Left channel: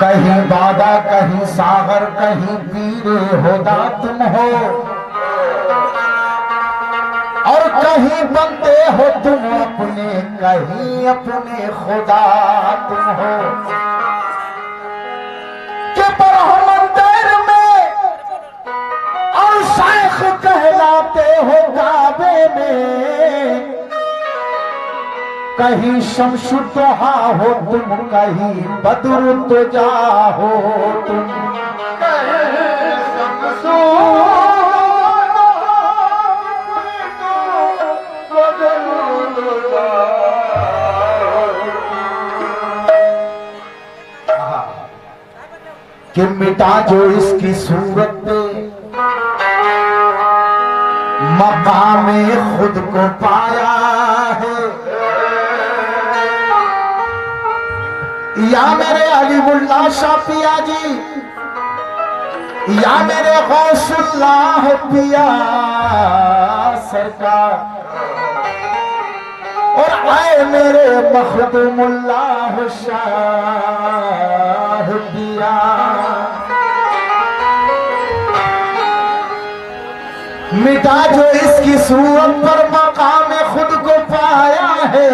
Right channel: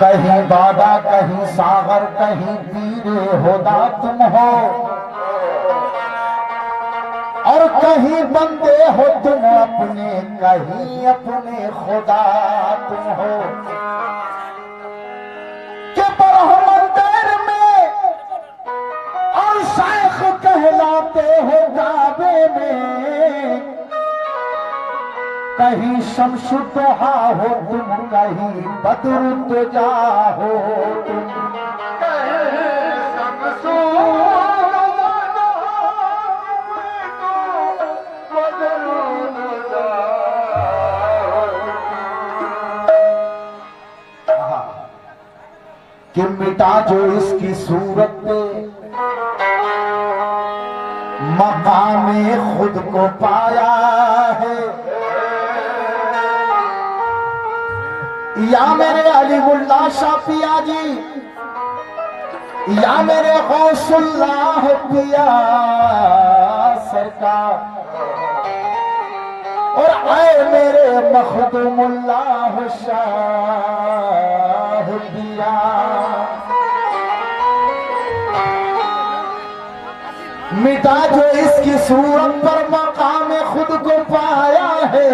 कहीं बाबा कहीं सागर कहीं पीरे होदा तुम हो, और कहीं बनते हो तुम अपने, कहीं अपने खुदा तुम हो। के बरहमंदर में और शाइख कहलाते हो काबे में, कहीं शमशुद्दोहा हो तुम, कहीं बद्र तुजा हो तुम। कि मिटा जो इसकी सूरत पे मकामे खुद को पाया है, या मेरे अलीउल्लाह शाह पिया जी, या मेरे गौसुल्लाह पिया सरकार, और आए मेरे मखदूमुल्लाह शाह पिया। मिटा जो इसकी सूरत पर मकाम खुद को पाया है,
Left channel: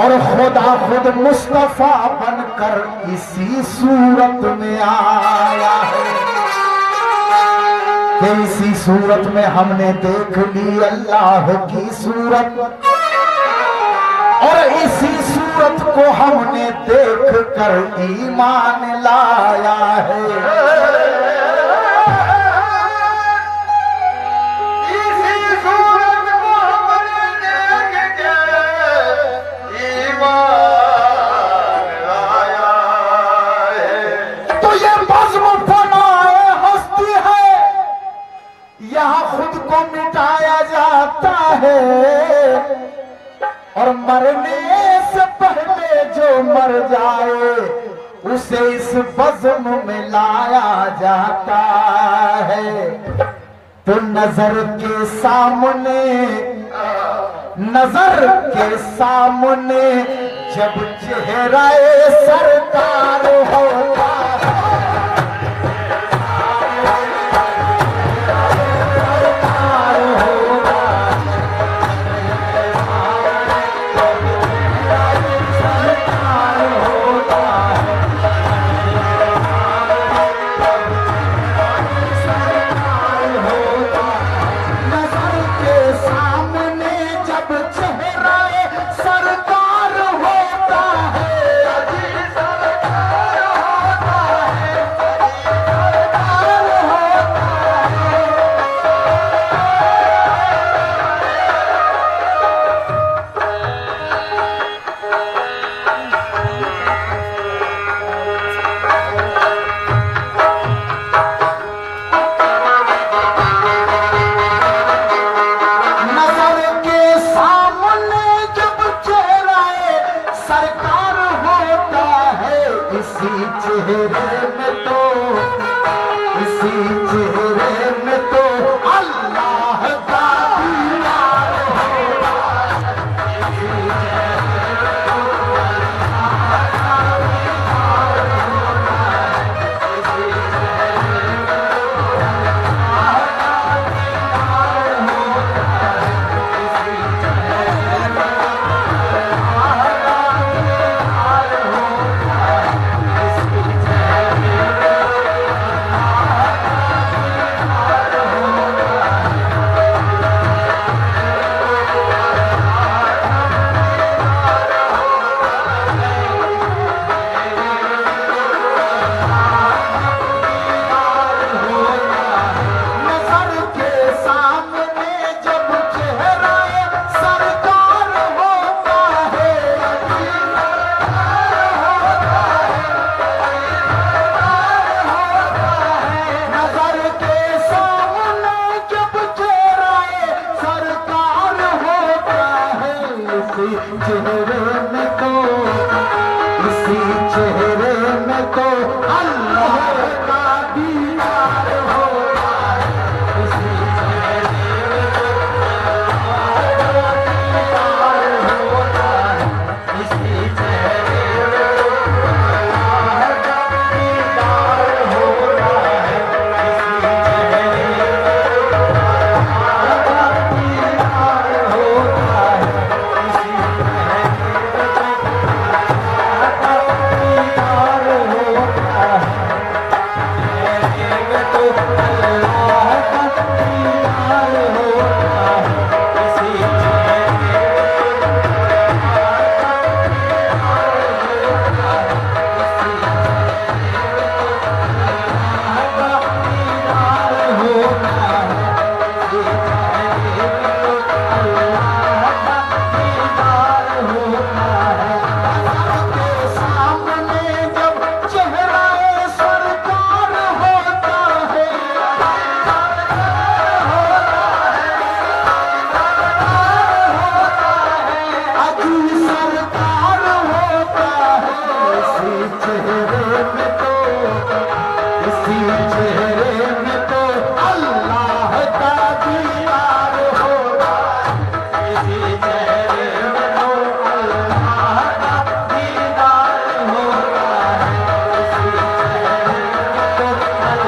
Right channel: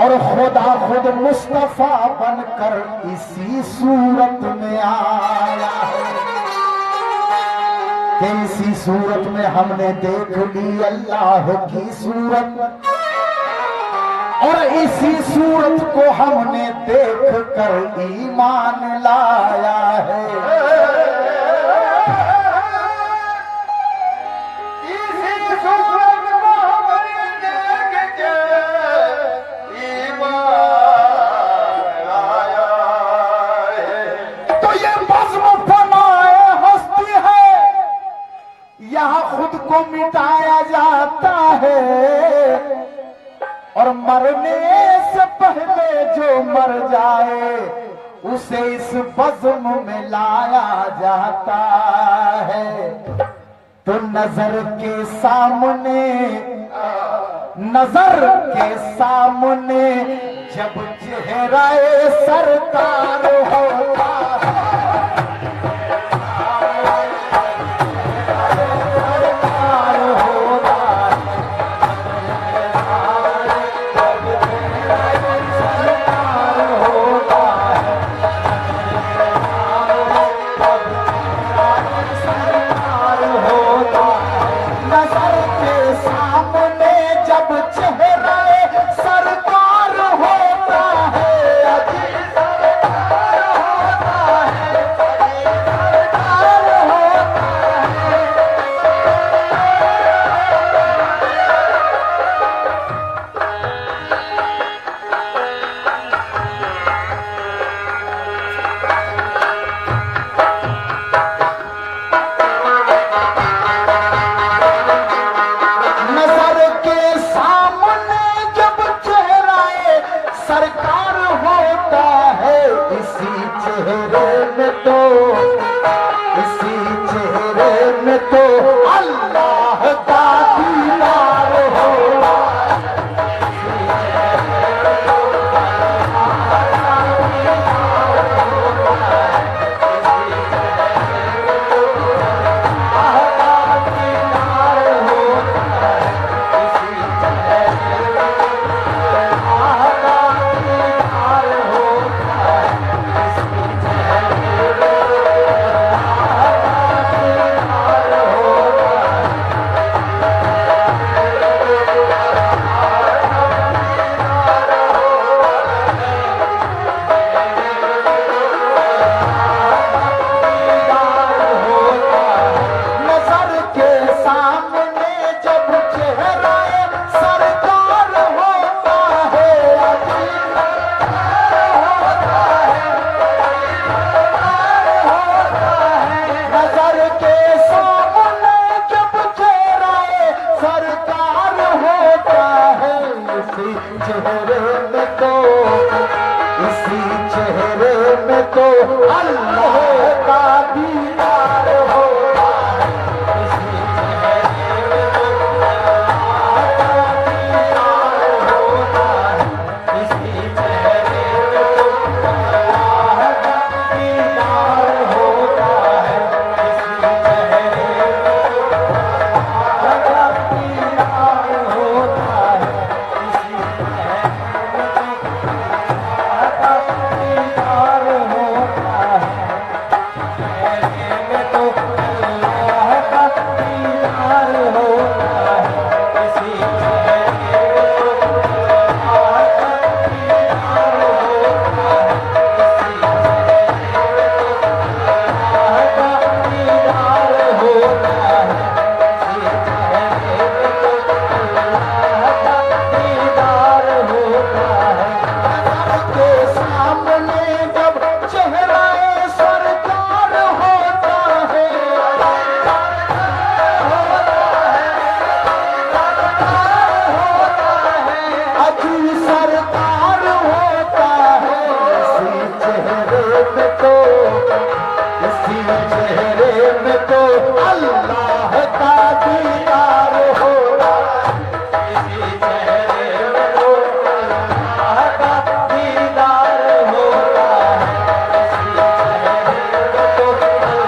और खुदा खुद मुस्तफा बनकर इसी सूरत में आया है। कि इसी सूरत में हमने देख ली अल्लाह की सूरत, और इसी सूरत को हमने देख कर ईमान लाया है। मिटाया जाता है, और मरने से पहले जो मर जाए उसे इस बज़्म में लाया जाता है। तो नजर के सामने, नजर के सामने जब चेहरा सरकार होता है, दीदार होता है, चेहरे में तो अल्लाह का दीदार होता है, इसी चेहरे में तो अल्लाह का दीदार होता है, इसी चेहरे में तो अल्लाह का दीदार होता है, इसी चेहरे में तो अल्लाह का दीदार होता है, इसी चेहरे में तो अल्लाह का दीदार होता है, इसी चेहरे में तो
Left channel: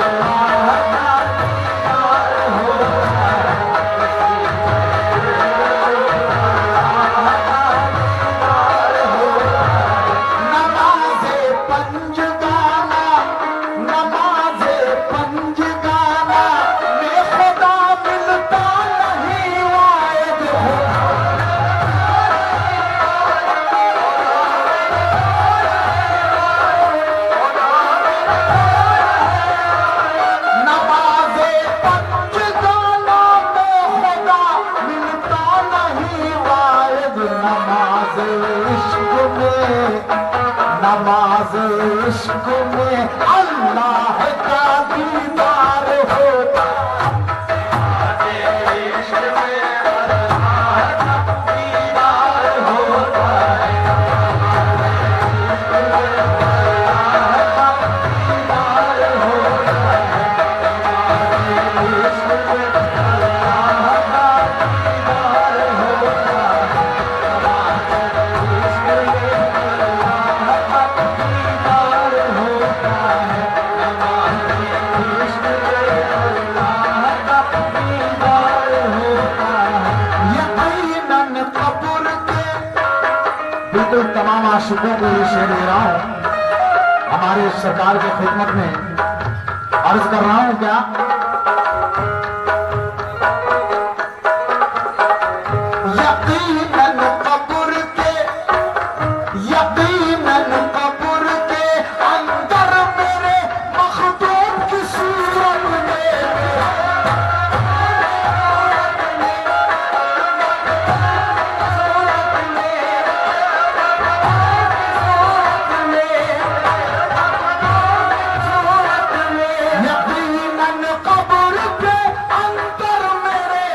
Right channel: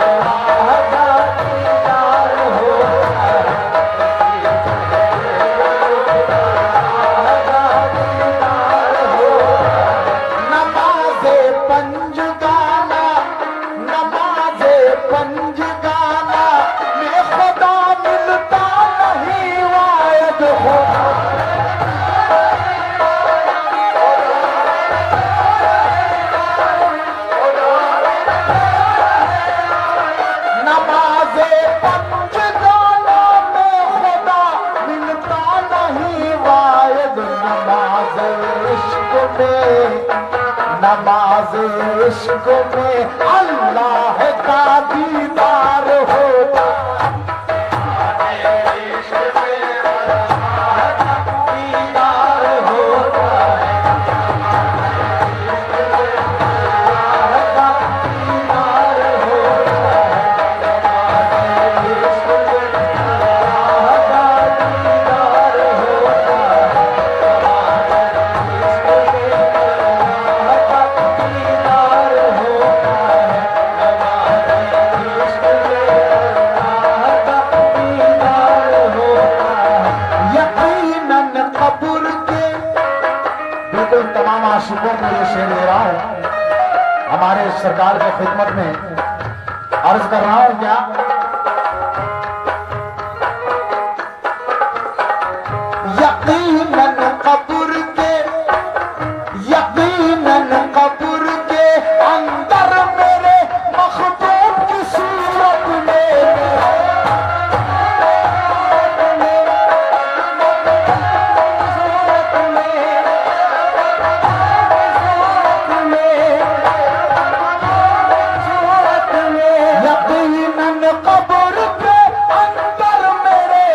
अल्लाह का दीदार होता है। नमाज़े पंजगाना, नमाज़े पंजगाना में खुदा मिलता नहीं वायद होता, नमाज़े पंजगाना में खुदा मिलता नहीं वायद, नमाज़ इश्क में, नमाज इश्क में अल्लाह का दीदार होता है, इश्क में अल्लाह का दीदार होता है, इश्क में अल्लाह का दीदार होता है, इश्क में अल्लाह का दीदार होता है, इश्क में अल्लाह का दीदार होता है, इश्क में अल्लाह का दीदार होता है। यकीनन कब्र के, बिल्कुल तमाम आशिकों को ये शेर दे रहा हूं, हमारे सरकार की खिदमत में अर्ज कर रहा हूं क्या, यकीनन कब्र के, यकीनन कब्र के अंदर मेरे मखदूम की सूरत में, यकीनन कब्र के अंदर मेरे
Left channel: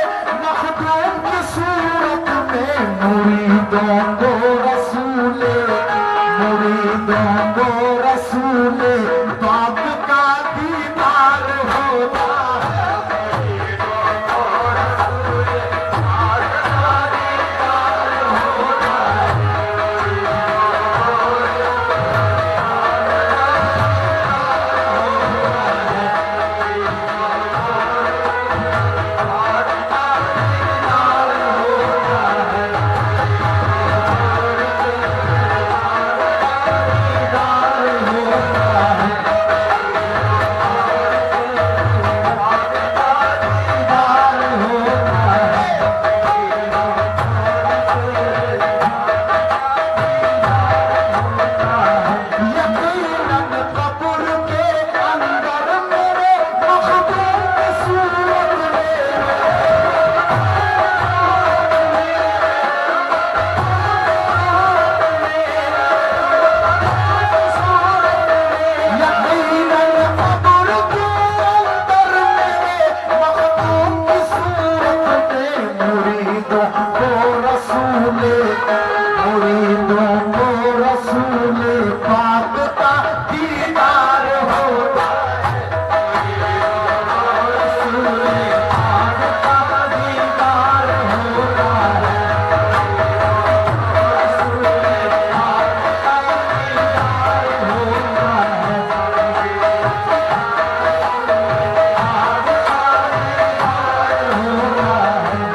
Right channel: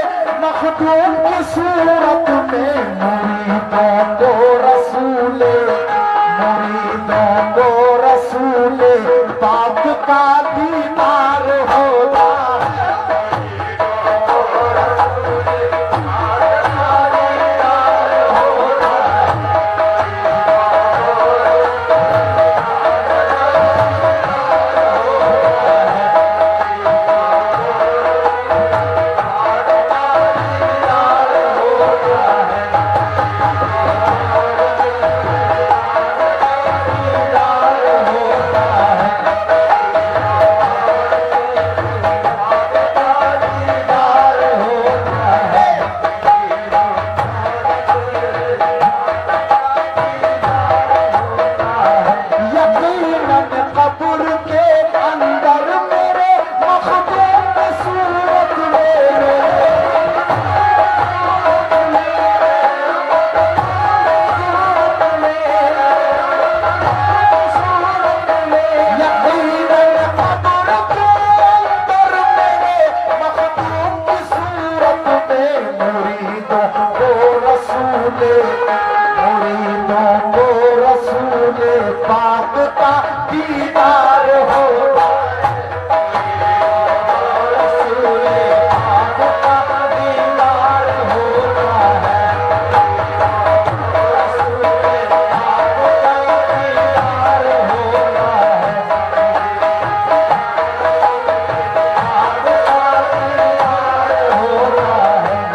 मखदूम की सूरत में, मुरीदों को रसूले, मुरीदों को रसूले बाप का दीदार होता है, मुरीदों को रसूले बाप का दीदार होता है, यकीनन कब्र के अंदर मेरे मखदूम की सूरत में, यकीनन कब्र के अंदर मेरे मखदूम की सूरत में, मुरीदों को रसूले, मुरीदों को रसूले पाक का दीदार होता है, रसूले पाक का दीदार होता है, रसूले पाक का दीदार होता है,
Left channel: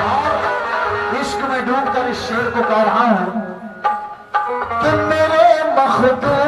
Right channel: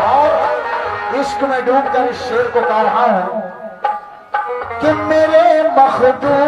और इश्क में डूबकर इस शेर को गा रहा हूं कि मेरे मखदूम